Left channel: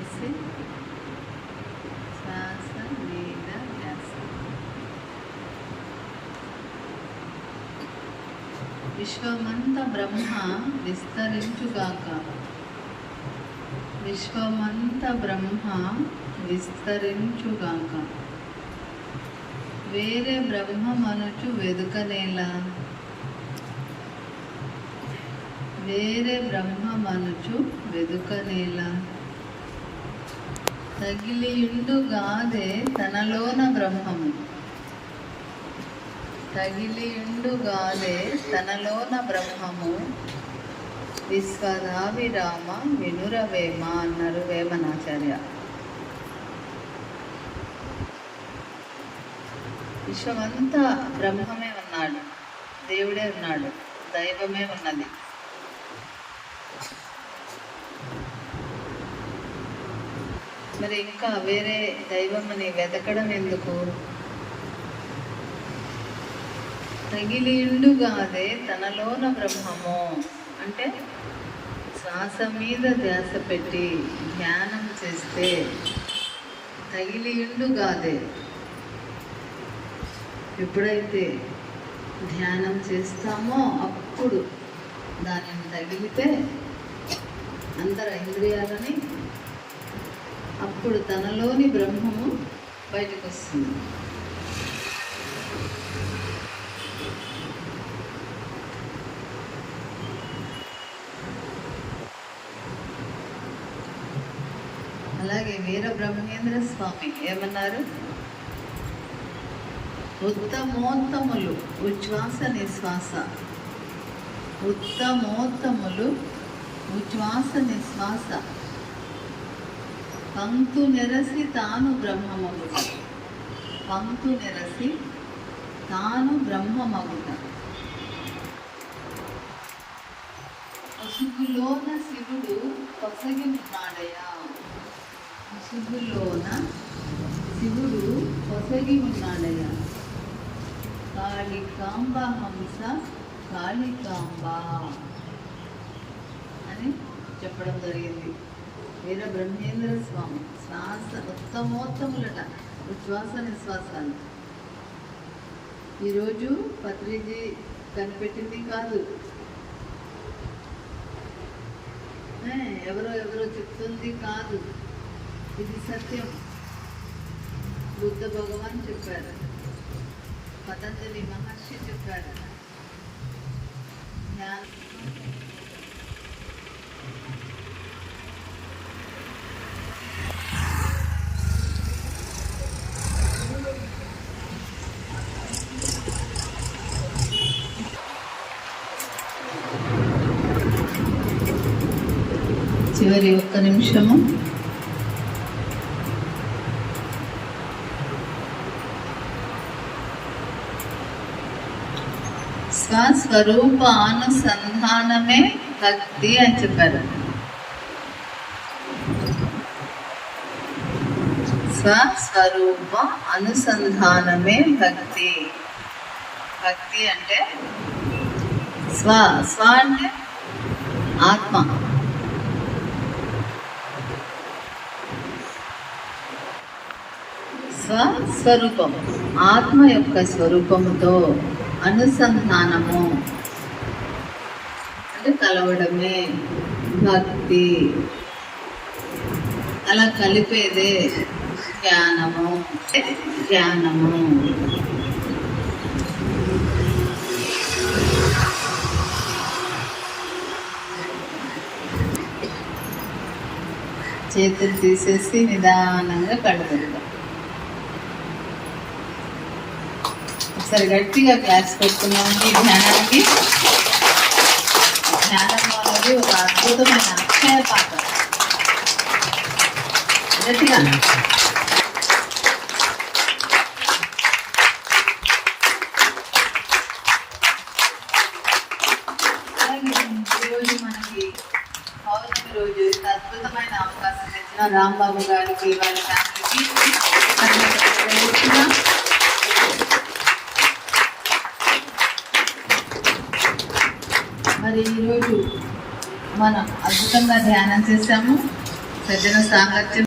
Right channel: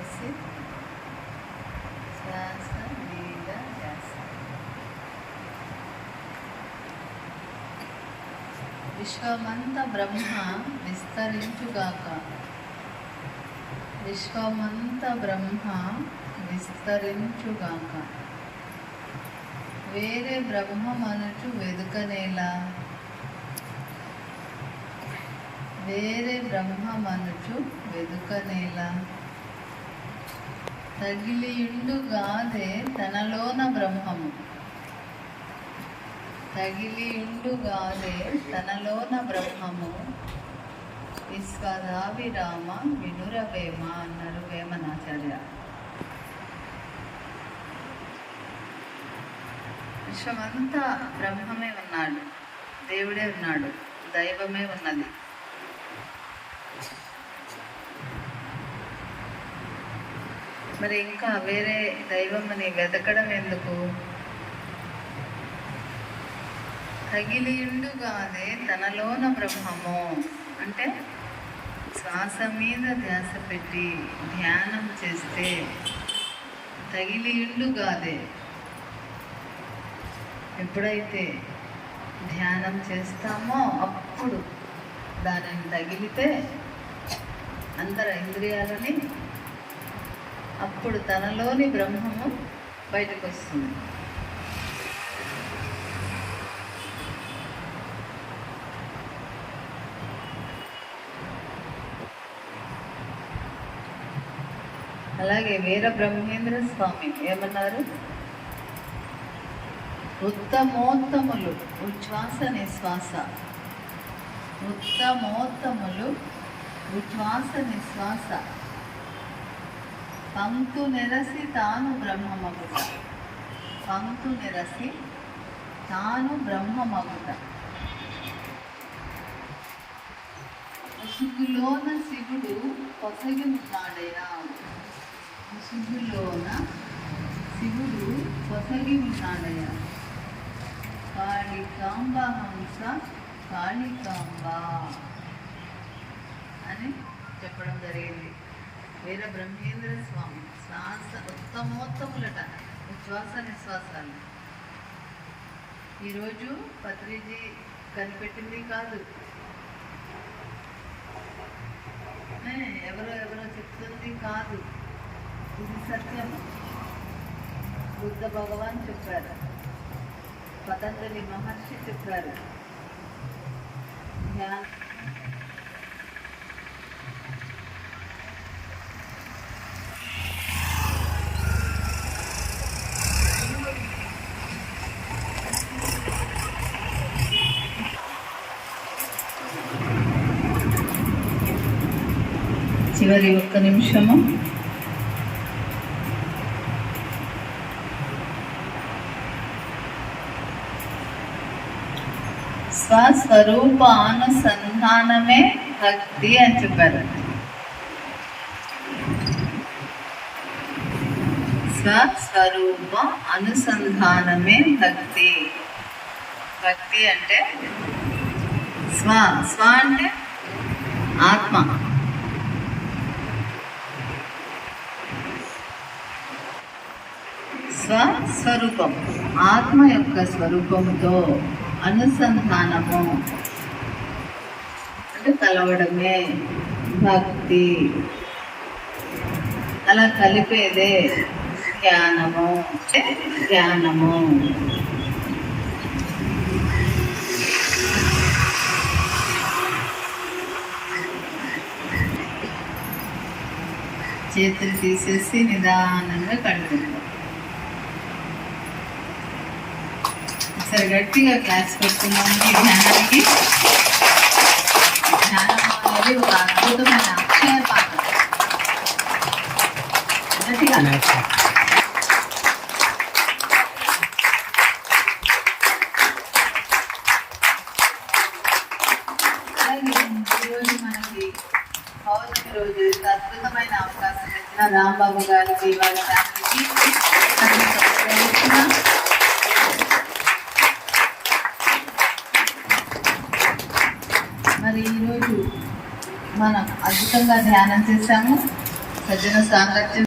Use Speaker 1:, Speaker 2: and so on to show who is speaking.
Speaker 1: ఆపేసి శ్వాస మీద ధ్యాస. విశ్వమంత బ్రహ్మ విస్తరించుగాక. విశ్వమంత బ్రహ్మ విస్తరించుగాక. వేరే బ్రహ్మమనుచు వెదుకనేలా? వేరే బ్రహ్మ మనుచు వెదుకనేలా? తగిలియుండుగాదే తనలోన బ్రహ్మము. తగిలియుండుగాదే తనలోన బ్రహ్మము. విశ్వధావిరామ వినురవేమ అన్నారు వేమనాచార్య. విశ్వమంతా బ్రహ్మమే ఉన్నాడు. దేవుడే ఉన్నాడు. దైవమే ఉన్నది. మరి ఇంకా వేరే దైవం అని వెతకడం ఎందుకు? తగిలిండుగాదే తనలోన బ్రహ్మము. అంటే శ్వాస మీద ధ్యాస పెట్టి ధ్యానం చేస్తే తగిలియుండుగాదే ఎప్పుడైతే ధ్యానం చేస్తామో అప్పుడు దానిని తగిలితే అంతర ఇంద్రియాలని అప్పుడు తనలోని బ్రహ్మము బయటకు వస్తుంది అలాగే వీర బ్రహ్మేంద్ర స్వామి ఏమన్నారు? ఉత్తమోత్తములు ఉచ్ఛ్వాస నిశ్వాస. ఉత్తమోత్తములు ఉచ్ఛ్వాస నిశ్వాస. పంక్తు నిరసి తాను బ్రహ్మమగుట. పంక్తు నిరసి తాను బ్రహ్మమగుట. ముసుగులోన శివుడు పొసగి ఉన్నాడయా? ముసుగులోన శివుడు పొసగి ఉన్నాడయా? కాళికాంబ హంస కాళికాంబ అని చెప్పడం జరిగింది. వీర బ్రహ్మేంద్ర స్వామి. శ్వాస ఉత్తమోత్తములట ఉచ్ఛ్వాస నిశ్వాసాలు. ఈరోజు పత్రిజీ కనిపెట్టింది కాదు. ఎవరో ఎవరో చెప్తుంది కాదు. ఇది సత్యం. బుద్ధ భగవాన్ చెప్పారు. పతంజలి మహర్షి చెప్పారు. ధ్యాన చివరి ఒక్క నిమిషము. స్వస్వరూప అనుసంధానమే భక్తి అని చెప్పారు. స్వస్వరూప అనుసంధానమే భక్తి. భక్తి అంటే స్వ స్వ అంటే ఆత్మ. స్వస్వరూపం ఆత్మ యొక్క స్వరూపముతో అనుసంధానము. అంటే కలవడమే భక్తి. అలా కలిపేదే జ్ఞానము. ధ్యానము జ్ఞానము. చేతులు తీసేసి నిదానంగా కళ్ళు గట్టిగా క్లాస్ పెట్టుకున్నామండి ఈ ధ్యానానికి ధ్యానం అనేది ఒక అద్భుతమైన అక్షయ పాత్ర గట్టిగా అలాగే ఈరోజు మనకి పౌర్ణమి రోజు ఇంత అద్భుతమైన అవకాశం ఇచ్చిన రాంబాబు గారికి వాళ్ళ ఫ్యామిలీకి మరి ఈరోజు మనం అద్భుతంగా ధ్యానం చేస్తాము సజ్జన సాంగత్యం